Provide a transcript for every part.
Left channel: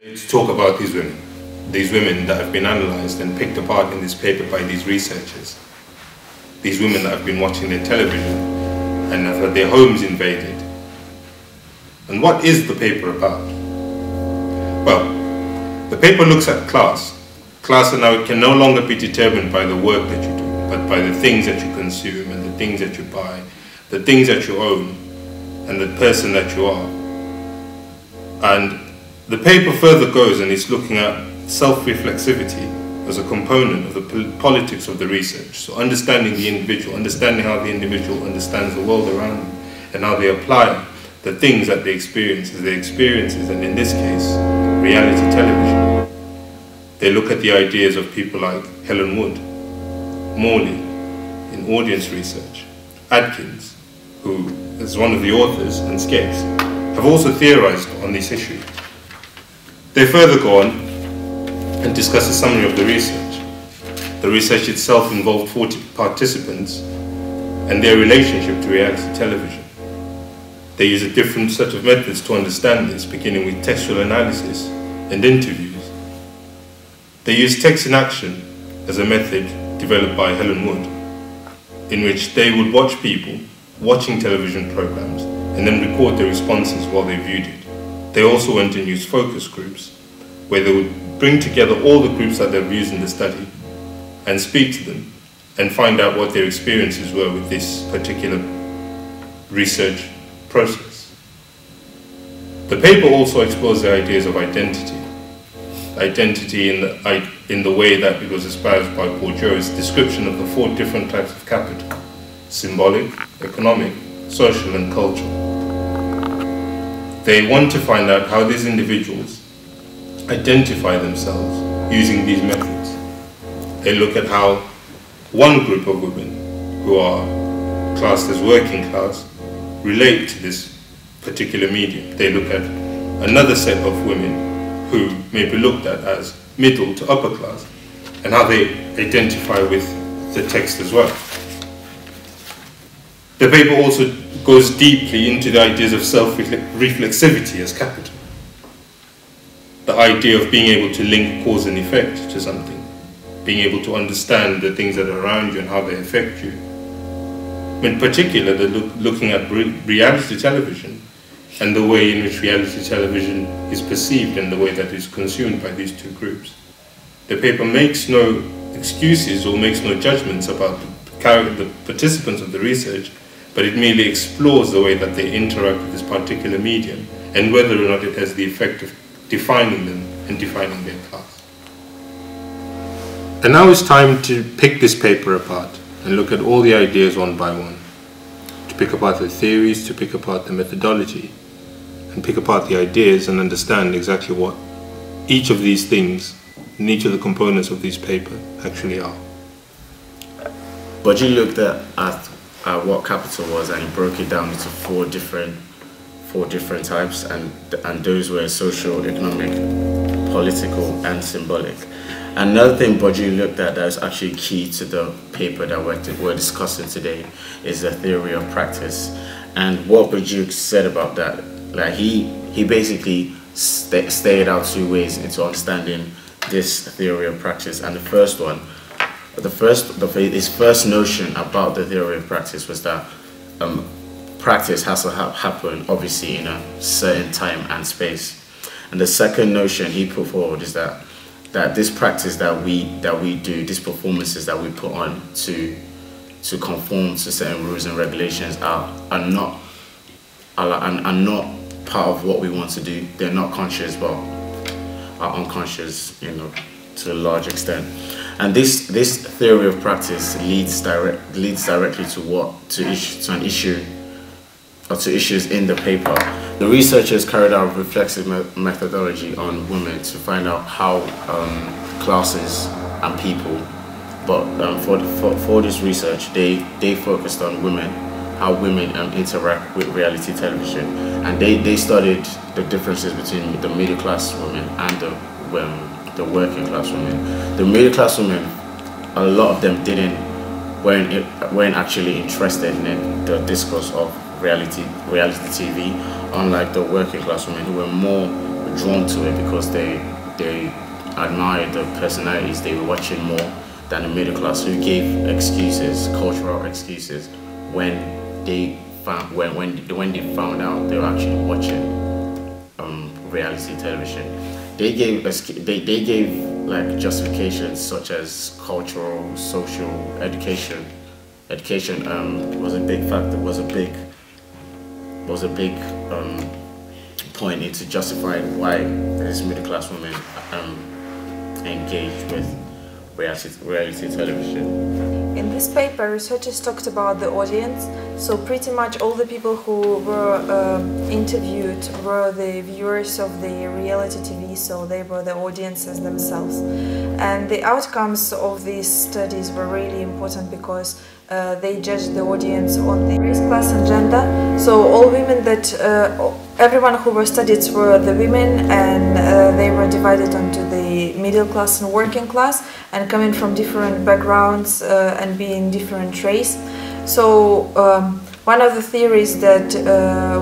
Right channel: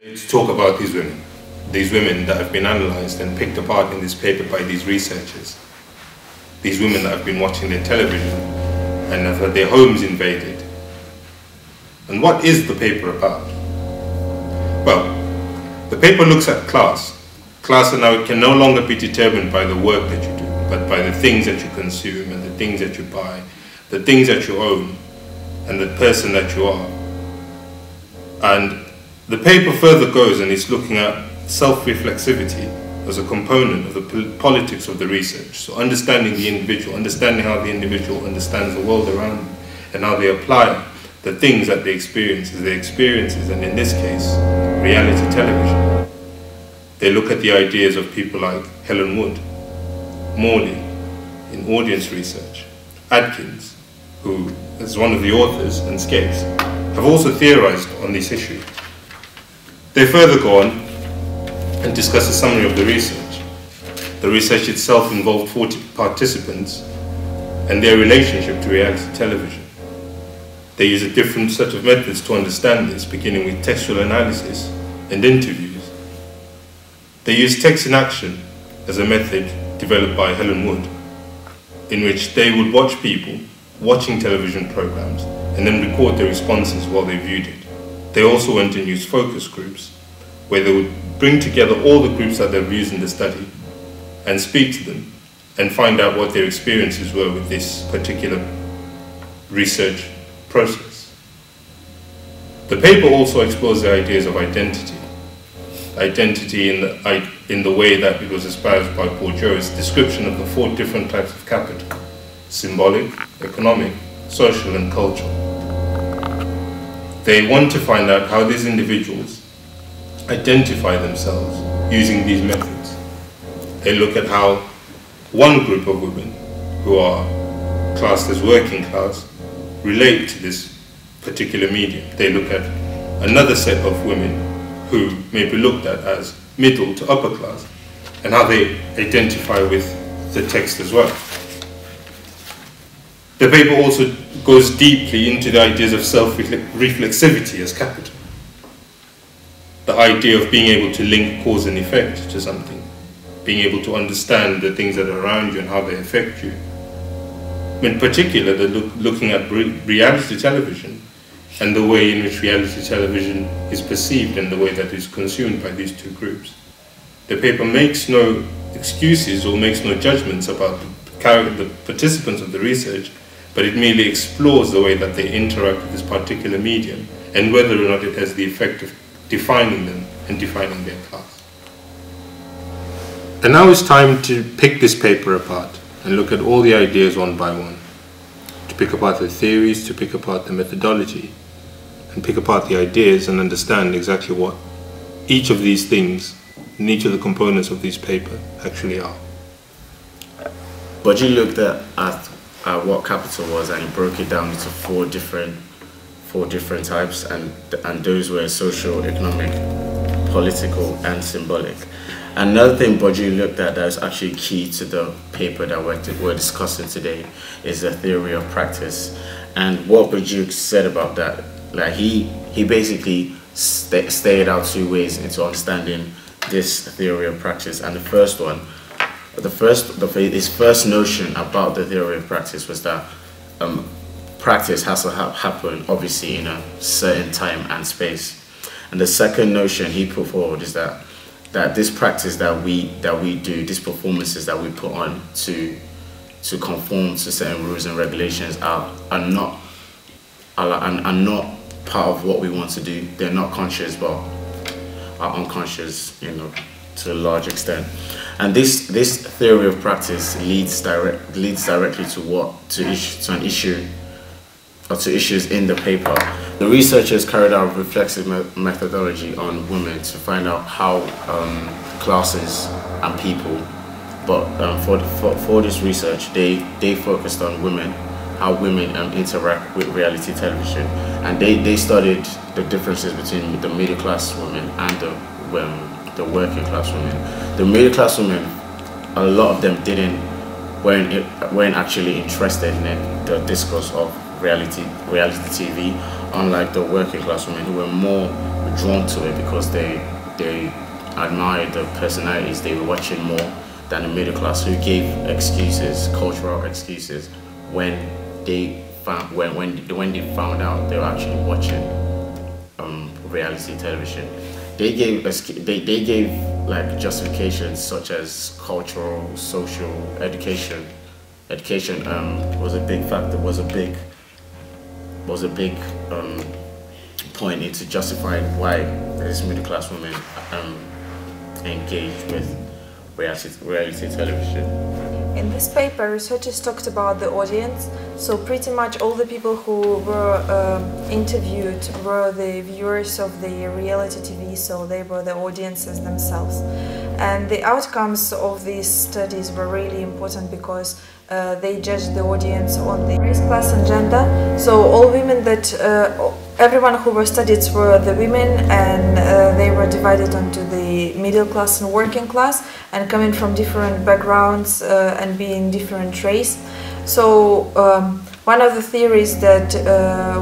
To talk about these women that have been analysed and picked apart in this paper by these researchers, these women that have been watching their television and have had their homes invaded. And what is the paper about? Well, the paper looks at class. Class now can no longer be determined by the work that you do, but by the things that you consume and the things that you buy, the things that you own, and the person that you are. And the paper further goes and is looking at self-reflexivity as a component of the politics of the research. So understanding the individual, understanding how the individual understands the world around them, and how they apply the things that they experience as their experiences, and in this case, reality television. They look at the ideas of people like Helen Wood, Morley in audience research, Adkins, who is one of the authors, and Skeggs, have also theorized on this issue. They further go on and discuss a summary of the research. The research itself involved 40 participants and their relationship to reality television. They use a different set of methods to understand this, beginning with textual analysis and interviews. They use text in action as a method developed by Helen Wood, in which they would watch people watching television programs and then record their responses while they viewed it. They also went and used focus groups, where they would bring together all the groups that they've used in the study and speak to them and find out what their experiences were with this particular research process. The paper also explores the ideas of identity. Identity in the way that it was espoused by Bourdieu's description of the 4 different types of capital: symbolic, economic, social, and cultural. They want to find out how these individuals identify themselves using these methods. They look at how one group of women, who are classed as working class, relate to this particular medium. They look at another set of women who may be looked at as middle to upper class, and how they identify with the text as well. The paper also goes deeply into the ideas of self-reflexivity as capital. The idea of being able to link cause and effect to something, being able to understand the things that are around you and how they affect you. In particular, they're looking at reality television and the way in which reality television is perceived and the way that it's consumed by these 2 groups. The paper makes no excuses or makes no judgments about the participants of the research, but it merely explores the way that they interact with this particular medium and whether or not it has the effect of defining them and defining their class. And now it's time to pick this paper apart and look at all the ideas one by one, to pick apart the theories, to pick apart the methodology, and pick apart the ideas and understand exactly what each of these things and each of the components of this paper actually are. But you looked at what capital was, and you broke it down into four different types, and those were social, economic, political, and symbolic. Another thing Bourdieu looked at that is actually key to the paper that we're discussing today is the theory of practice. And what Bourdieu said about that, like he basically stated out 2 ways into understanding this theory of practice. And the first one, his first notion about the theory of practice was that practice has to happen obviously in a certain time and space. And the second notion he put forward is that this practice that we do, these performances that we put on to conform to certain rules and regulations are not part of what we want to do. They're not conscious, but are unconscious, to a large extent. And this theory of practice leads directly to an issue, or to issues in the paper. The researchers carried out reflexive methodology on women to find out how classes and people, but for this research, they focused on women, how women interact with reality television, and they studied the differences between the middle class women and the working class women. The middle class women, a lot of them weren't actually interested in the discourse of reality TV, unlike the working class women who were more drawn to it because they admired the personalities they were watching more than the middle class, who gave excuses, cultural excuses, when they found out they were actually watching reality television. They gave like justifications such as cultural, social, education. Education was a big factor, was a big point into justifying why these middle class women engaged with reality television. In this paper, researchers talked about the audience, so pretty much all the people who were interviewed were the viewers of the reality TV, so they were the audiences themselves. And the outcomes of these studies were really important because they judged the audience on the race, class and gender. So all women everyone who were studied were the women, and they were divided onto the middle class and working class, and coming from different backgrounds and being different race. So one of the theories that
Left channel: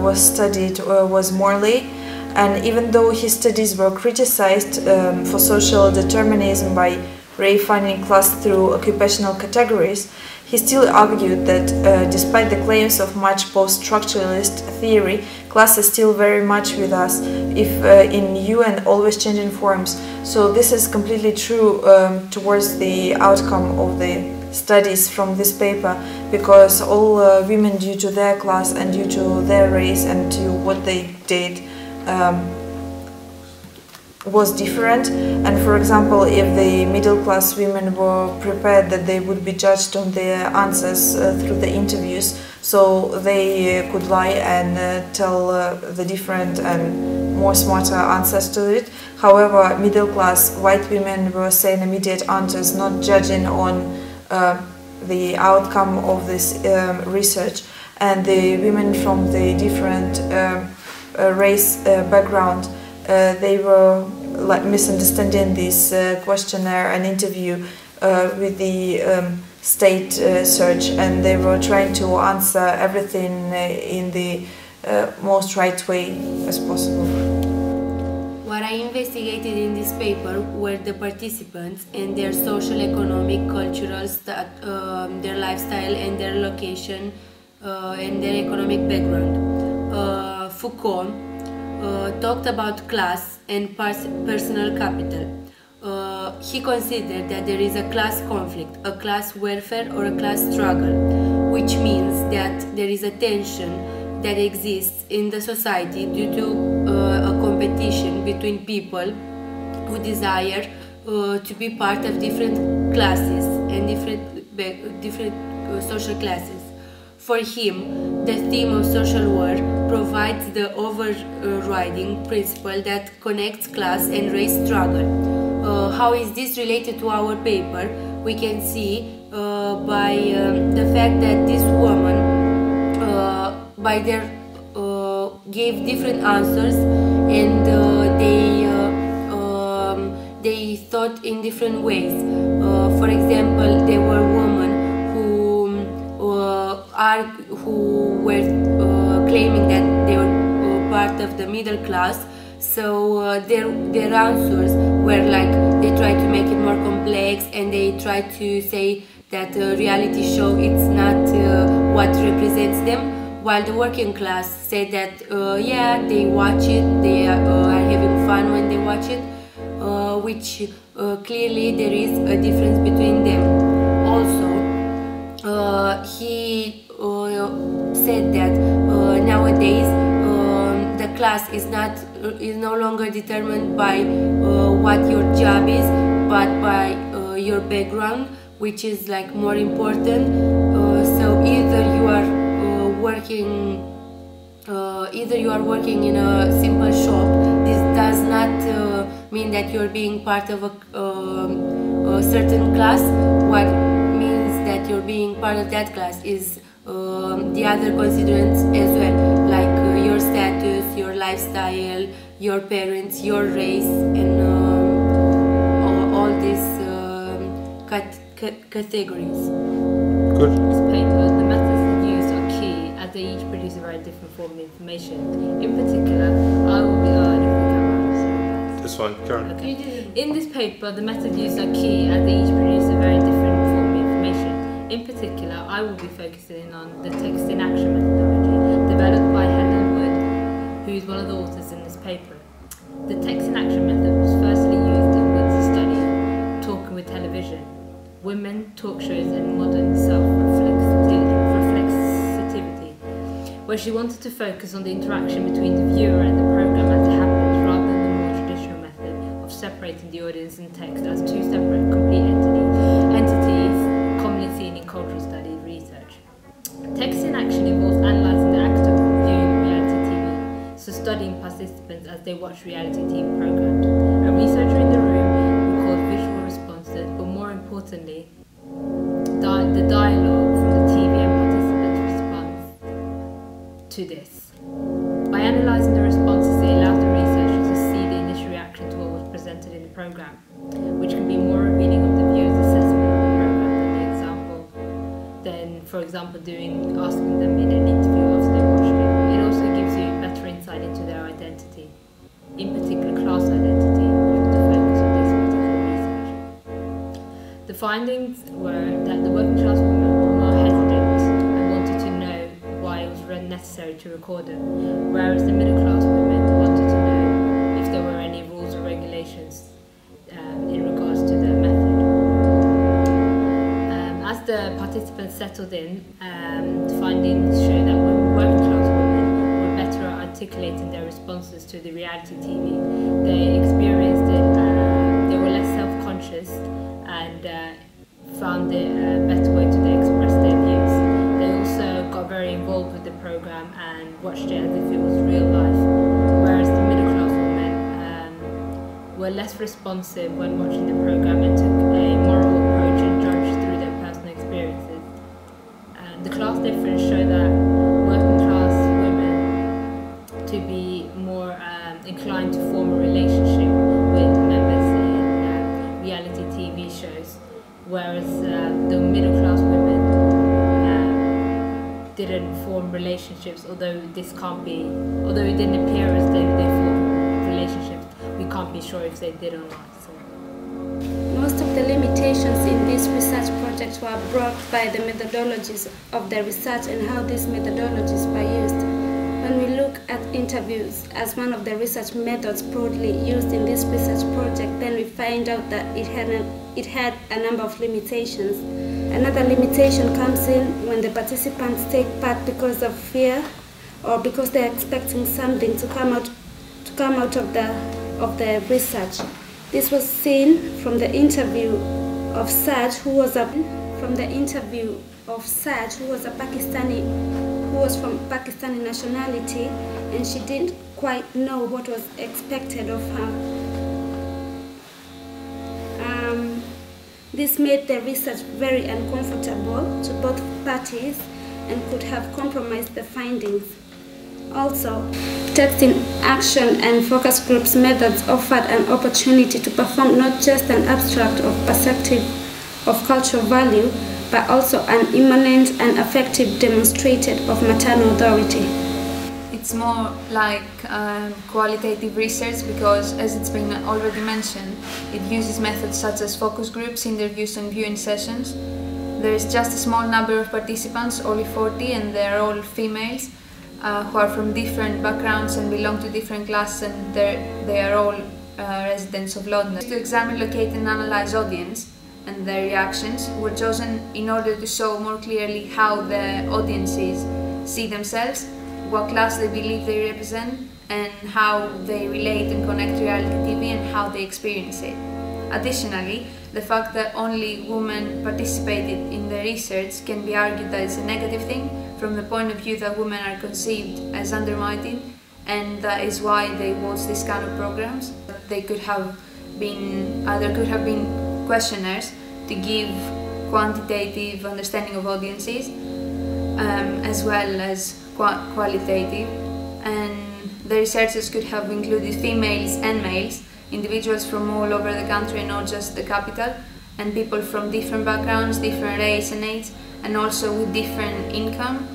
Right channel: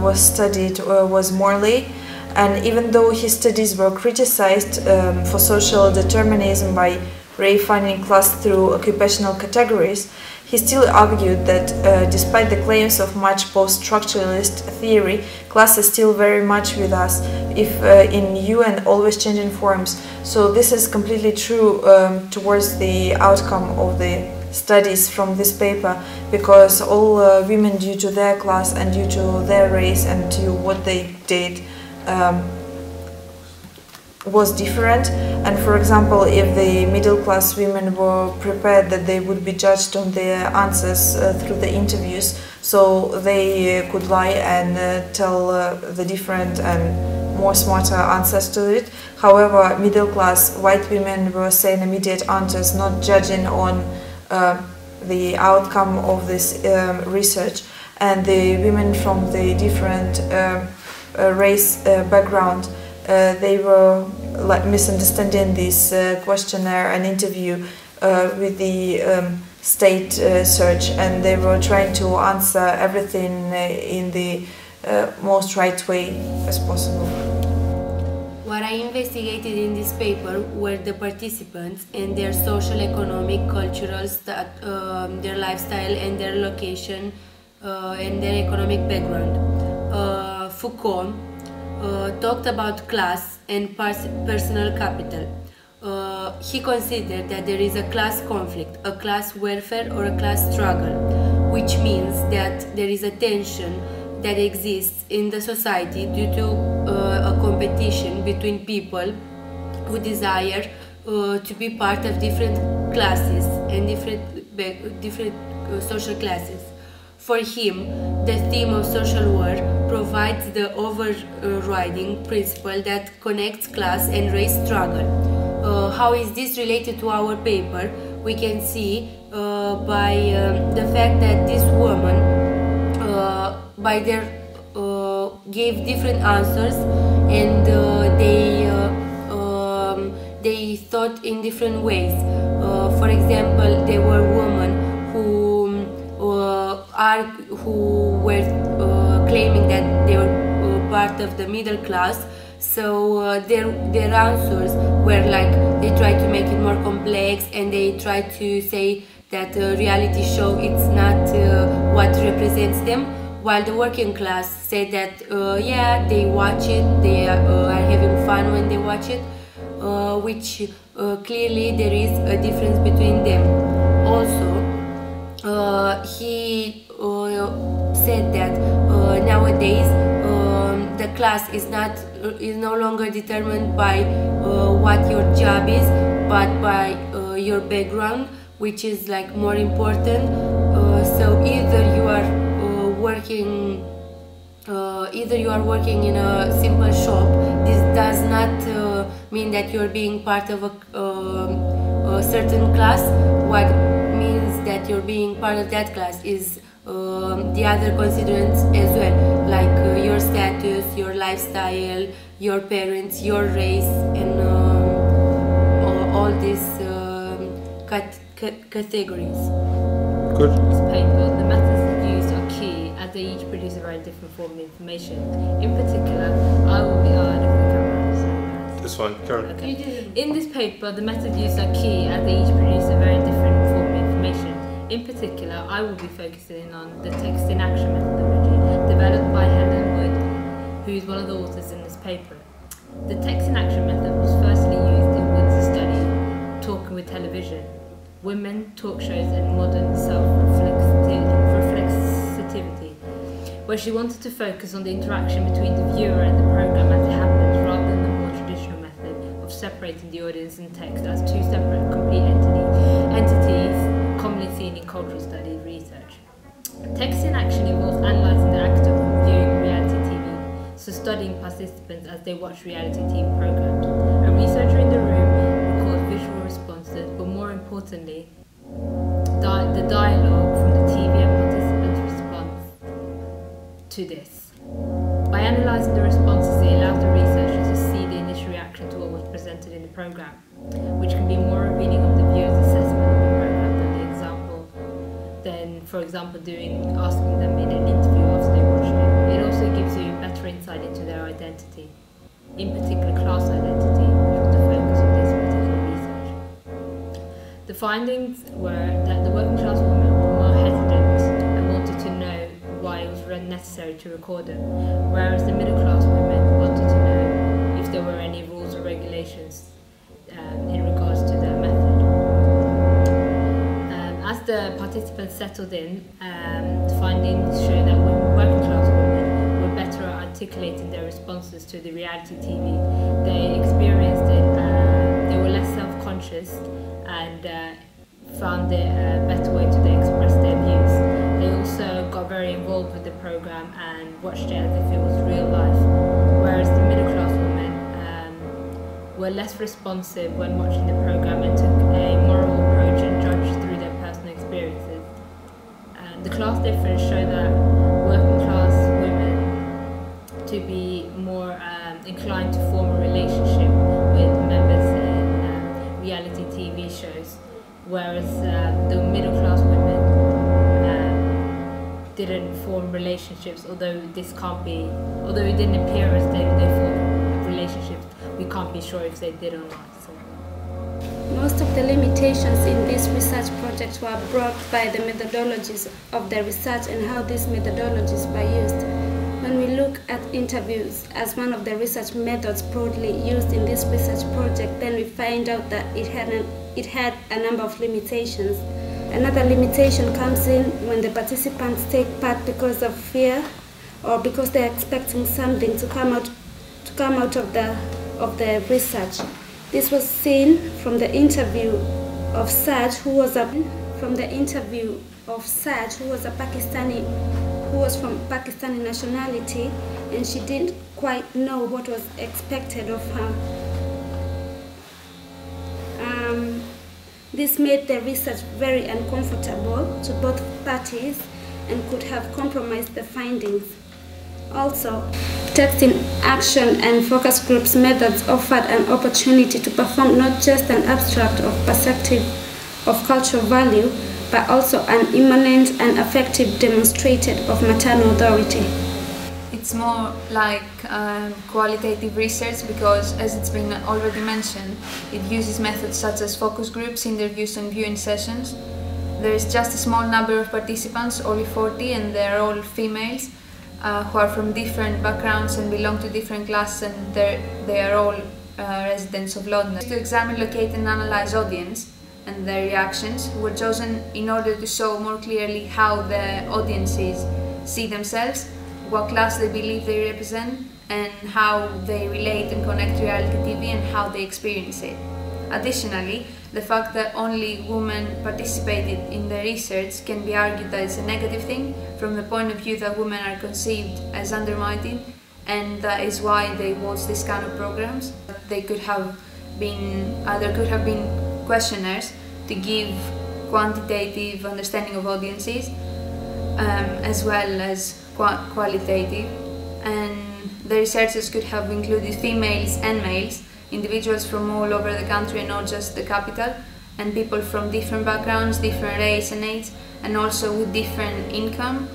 was studied was Morley, and even though his studies were criticized for social determinism by refining class through occupational categories, he still argued that despite the claims of much post-structuralist theory, class is still very much with us, if in new and always changing forms. So this is completely true towards the outcome of the studies from this paper, because all women, due to their class and due to their race and to what they did, was different. And for example, if the middle class women were prepared that they would be judged on their answers through the interviews, so they could lie and tell the different and more smarter answers to it. However, middle class white women were saying immediate answers, not judging on the outcome of this research. And the women from the different race background, they were like misunderstanding this questionnaire and interview with the state search, and they were trying to answer everything in the most right way as possible. What I investigated in this paper were the participants and their social, economic, cultural, their lifestyle and their location and their economic background. Foucault talked about class and personal capital. He considered that there is a class conflict, a class warfare or a class struggle, which means that there is a tension that exists in the society due to a competition between people who desire to be part of different classes and different social classes. For him, the theme of social war provides the overriding principle that connects class and race struggle. How is this related to our paper? We can see by the fact that this woman gave different answers, and they thought in different ways. For example, there were women who were claiming that they were part of the middle class, so their answers were like, they tried to make it more complex, and they tried to say that a reality show it's not what represents them, while the working class said that yeah, they watch it, they are having fun when they watch it, which clearly there is a difference between them. Also, he said that nowadays the class is no longer determined by what your job is, but by your background, which is like more important. So either you are working in a simple shop. This does not mean that you're being part of a certain class. What means that you're being part of that class is the other constituents as well, like your status, your lifestyle, your parents, your race, and all these categories. Good. This paper, the methods used are key as they each produce a very different form of information. In particular, I will be if the camera It's fine, Karen. Okay. In this paper, the method used are key as they each produce a very different form of information. In particular, I will be focusing on the text in action methodology developed by Helen Wood, who is one of the authors in this paper. The text in action method was firstly used in Wood's study, Talking with Television, Women, Talk Shows and Modern Self-Reflexivity, where she wanted to focus on the interaction between the viewer and the program as it happens, rather than the more traditional method of separating the audience and text as two separate complete entities commonly seen in cultural studies research. Text in action involves analysing the act of viewing reality TV, so studying participants as they watch reality TV programs. A researcher in the room records visual responses, but more importantly, the dialogue from the TV and participants' response to this. By analysing the responses, it allows the researcher to see the initial reaction to what was presented in the program, which can be more revealing of the viewer's assessment of the program than for example, asking them in an interview after they watched it. It also gives you better insight into their identity, in particular class identity, which was the focus of this particular research. The findings were that the working class women were more hesitant and wanted to know why it was necessary to record them, whereas the middle class women wanted to know if there were any rules or regulations in regards to the method. As the participants settled in, findings show that working class women were better at articulating their responses to the reality TV. They experienced it, they were less self-conscious and found it a better way to express their views. They also got very involved with the program and watched it as if it was real life, whereas the middle class women were less responsive when watching the program and took a moral approach and judged through their personal experiences. The class difference showed that working class women to be more inclined to form a relationship with members in reality TV shows, whereas the middle class women didn't form relationships, although it didn't appear as they formed relationships. We can't be sure if they did or not. So. Most of the limitations in this research project were brought by the methodologies of the research and how these methodologies were used. When we look at interviews as one of the research methods broadly used in this research project, then we find out that it had a number of limitations. Another limitation comes in when the participants take part because of fear or because they're expecting something to come out of the research. This was seen from the interview of Saj, who was from Pakistani nationality, and she didn't quite know what was expected of her. This made the research very uncomfortable to both parties and could have compromised the findings. Also, text in action and focus groups methods offered an opportunity to perform not just an abstract of perspective of cultural value, but also an immanent and effective demonstrated of maternal authority. It's more like qualitative research because, as it's been already mentioned, it uses methods such as focus groups, interviews and viewing sessions. There is just a small number of participants, only 40, and they're all females who are from different backgrounds and belong to different classes, and they are all residents of London. To examine, locate and analyze audience and their reactions were chosen in order to show more clearly how the audiences see themselves, what class they believe they represent, and how they relate and connect to reality TV and how they experience it. Additionally, the fact that only women participated in the research can be argued as a negative thing from the point of view that women are conceived as undermining, and that is why they watch this kind of programs. There could have been questionnaires to give quantitative understanding of audiences as well as qualitative, and the researchers could have included females and males, individuals from all over the country and not just the capital, and people from different backgrounds, different race and age, and also with different income,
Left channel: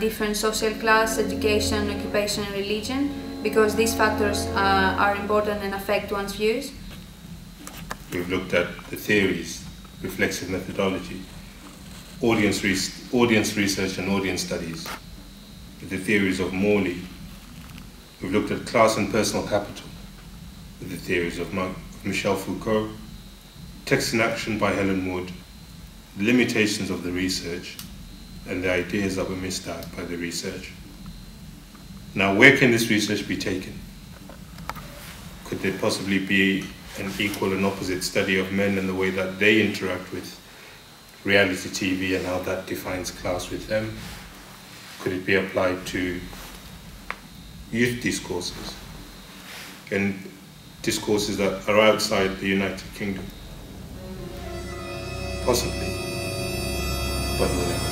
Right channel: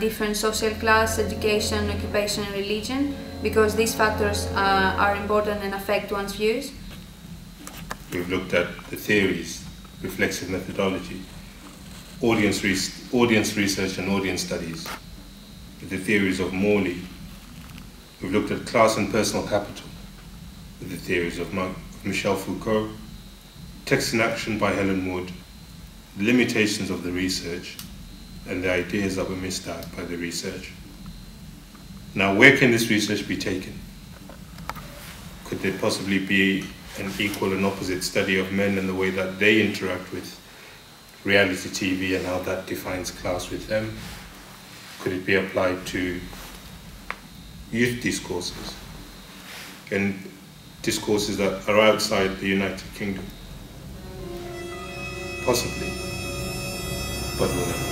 different social class, education, occupation and religion, because these factors are important and affect one's views. We've looked at the theories, reflexive methodology, audience research and audience studies, the theories of Morley. We've looked at class and personal capital, the theories of Michel Foucault, text in action by Helen Wood, the limitations of the research, and the ideas that were missed out by the research. Now, where can this research be taken? Could there possibly be an equal and opposite study of men and the way that they interact with reality TV and how that defines class with them? Could it be applied to youth discourses and discourses that are outside the United Kingdom? Possibly, but we'll never.